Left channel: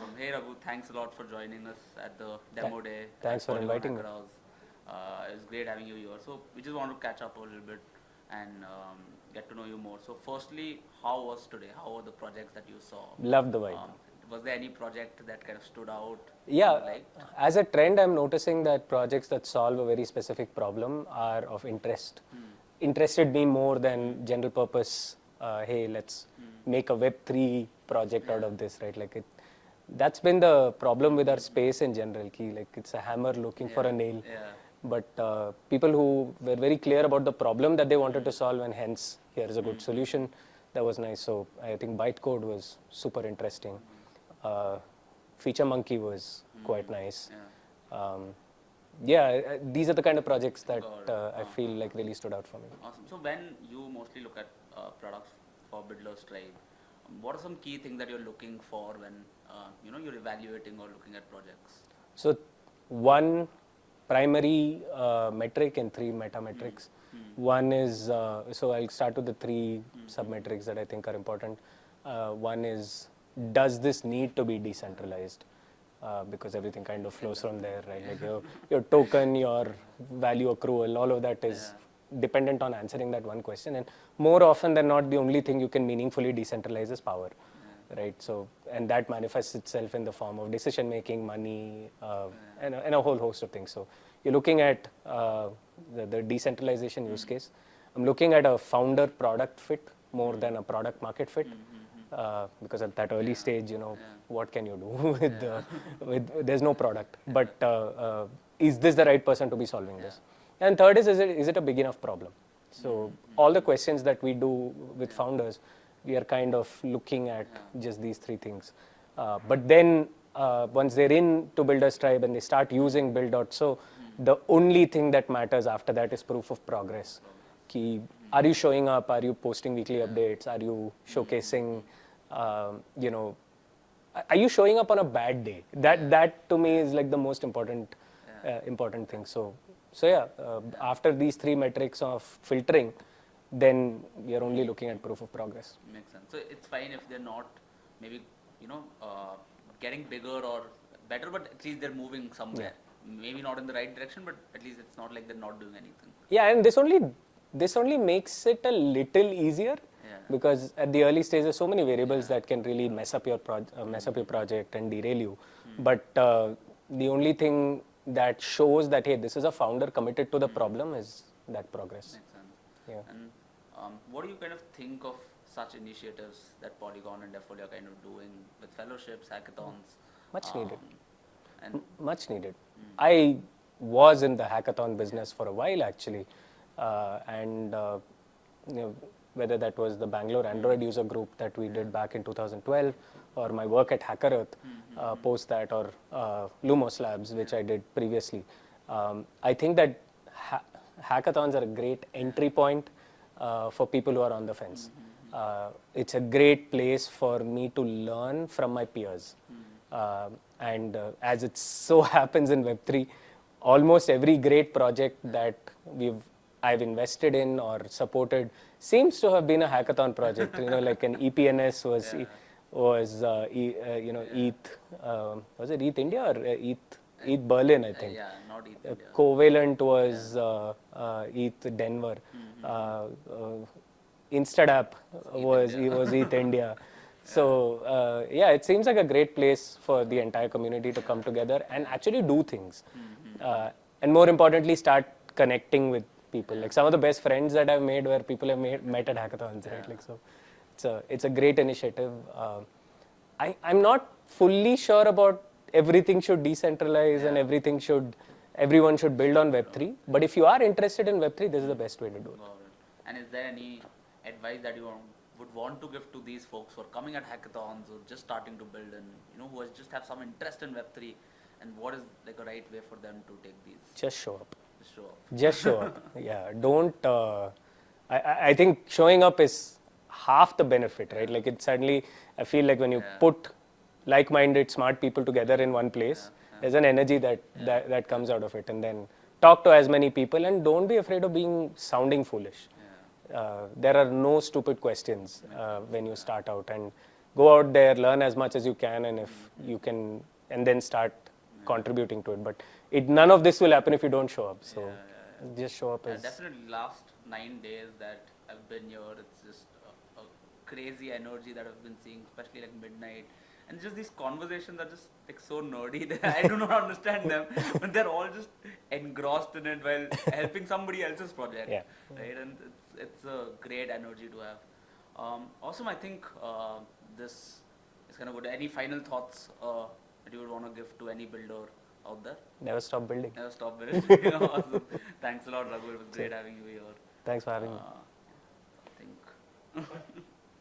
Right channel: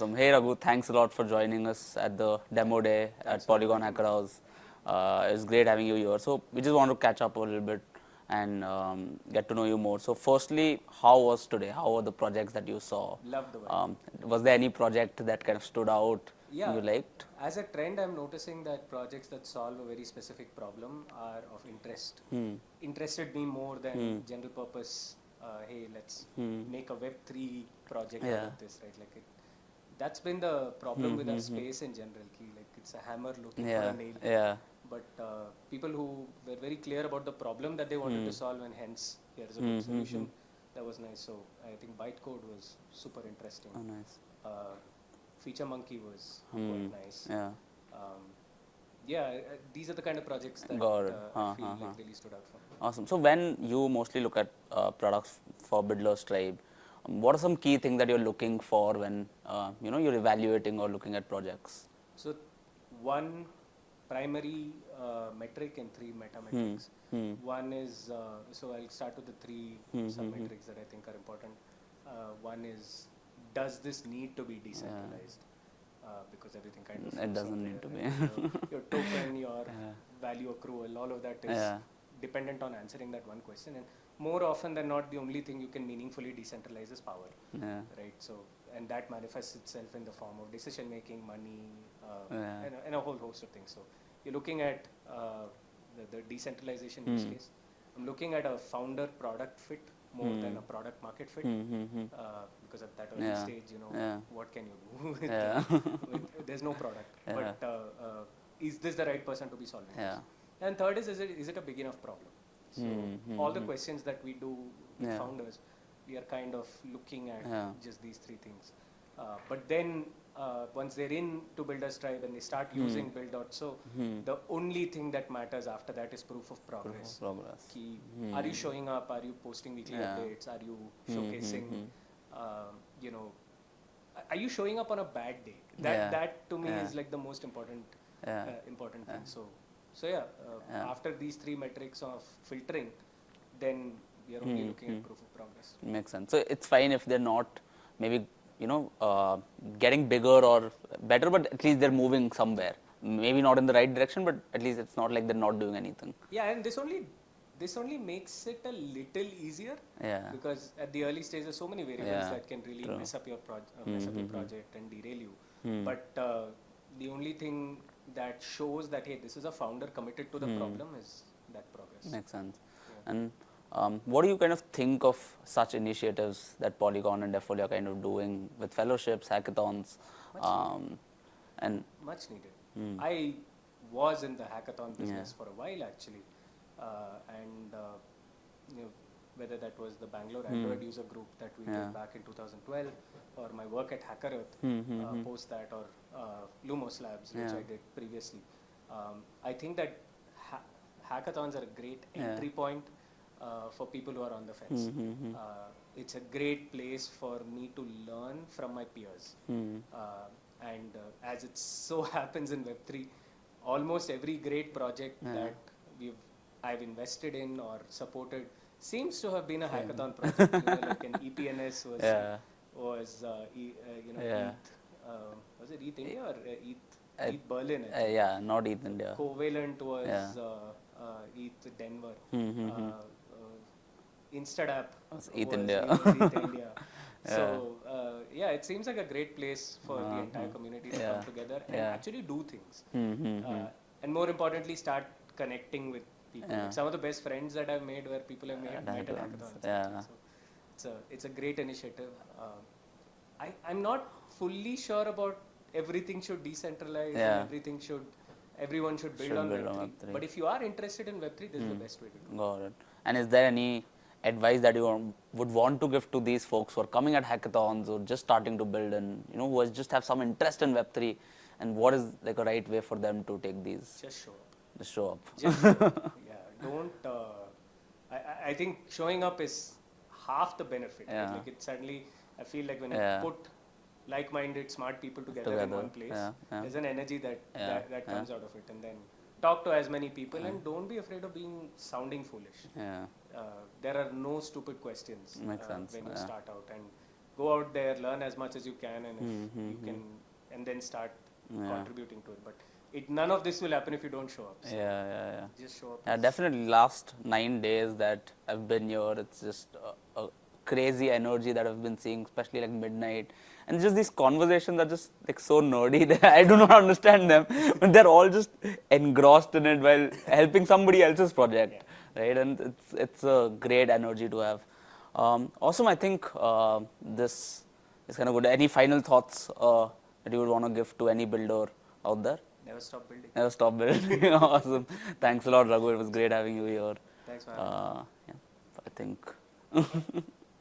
Awesome. Hey Raghu, thanks a lot for joining us at the demo day Thanks at for Polygon inviting Hacker me. House. It's great having you here. So we just want to catch up a little bit and get to know you more. So firstly, how was today? How were the projects that you saw? Love the vibe. Was there any project that kind of stood out Yeah, you liked? as a trend, I'm noticing that projects that solve a very specific problem are of interest. Interested me more than general purpose. Hey, let's make a Web3 project out of this, right? Like that's been the problem with our space in general. Like it's a hammer looking for a nail. Yeah. But people who were very clear about the problem that they wanted to solve, and hence here is a good solution. That was nice. So I think bytecode was super interesting. Feature Monkey was quite nice. Yeah, these are the kind of projects that I feel like really stood out for me. Awesome. So when you mostly look at products for Builders Tribe, what are some key things that you're looking for when you're evaluating or looking at projects? So one primary metric and three meta metrics. One is, so I'll start with the three sub-metrics that I think are important. One is, does this need to be decentralized? Because everything kind of flows from there, right? Like your token, your value accrual, all of that is dependent on answering that one question. And more often than not, the only thing you can meaningfully decentralize is power, right? So, and that manifests itself in the form of decision making, money, and a whole host of things. So, you're looking at the decentralization use case. I'm looking at a founder product fit more than a product market fit, because at that early stage, what can you do with there's no product, but is this the right person to be solving this? And third is it a big enough problem? So all the questions that we do with founders, we are kind of looking at just these three things. But then once they're in to Builders Tribe and they start using build.so, the only thing that matters after that is proof of progress. Are you showing up? Are you posting weekly updates? Are you showcasing, are you showing up on a bad day? That to me is like the most important thing. So yeah, after these three metrics of filtering, then you're only looking at proof of progress. Makes sense. So it's fine if they're not maybe getting bigger or better, but at least they're moving somewhere. Maybe not in the right direction, but at least it's not like they're not doing anything. Yeah, and this only makes it a little easier, because at the early stage there's so many variables that can really mess up your project and derail you. But the only thing that shows that, hey, this is a founder committed to the problem is that progress. Makes sense. And what do you kind of think of such initiatives that Polygon and Defolia are kind of doing with fellowships, hackathons? Much needed. Much needed. I was in the hackathon business for a while actually, and whether that was the Bangalore Android user group that we did back in 2012, or my work at Hacker Earth post that, or Lumos Labs, which I did previously. I think that hackathons are a great entry point for people who are on the fence. It's a great place for me to learn from my peers. And as it so happens in Web3, almost every great project that I've invested in or supported seems to have been a hackathon project. Like an EPNS was ETH, was it ETH India or ETH Berlin, I think. Yeah, not ETH India. Covalent was ETH Denver. Instadapp was ETH India. So it seems like a great place for the entire community to come together and actually do things. And more importantly, start connecting with people. Like some of the best friends that I've made were people I've met at hackathons. Right? Like, so it's a great initiative. I'm not fully sure about everything should decentralize and everyone should build on Web3. But if you are interested in Web3, this is the best way to do it. Got it. And is there any advice that you would want to give to these folks who are coming at hackathons or just starting to build and who just have some interest in Web3, and what is like a right way for them to take these? Just show up. Just show up. Just show up. Yeah. Don't. I think showing up is half the benefit, right? Like it suddenly, I feel like when you put like-minded, smart people together in one place, there's an energy that comes out of it. And then talk to as many people and don't be afraid of sounding foolish. There are no stupid questions when you start out, and go out there, learn as much as you can, and if you can, and then start contributing to it. But none of this will happen if you don't show up. So just show up. Yeah, definitely. Last 9 days that I've been here, it's just a crazy energy that I've been seeing, especially like midnight. And just these conversations are just like so nerdy that I do not understand them, but they're all just engrossed in it while helping somebody else's project, right? And it's a great energy to have. Awesome. I think this is kind of good. Any final thoughts that you would want to give to any builder out there? Never stop building. Never stop building. Awesome. Thanks a lot, Raghu. It was great having you here. Thanks for having me. Yeah, I think.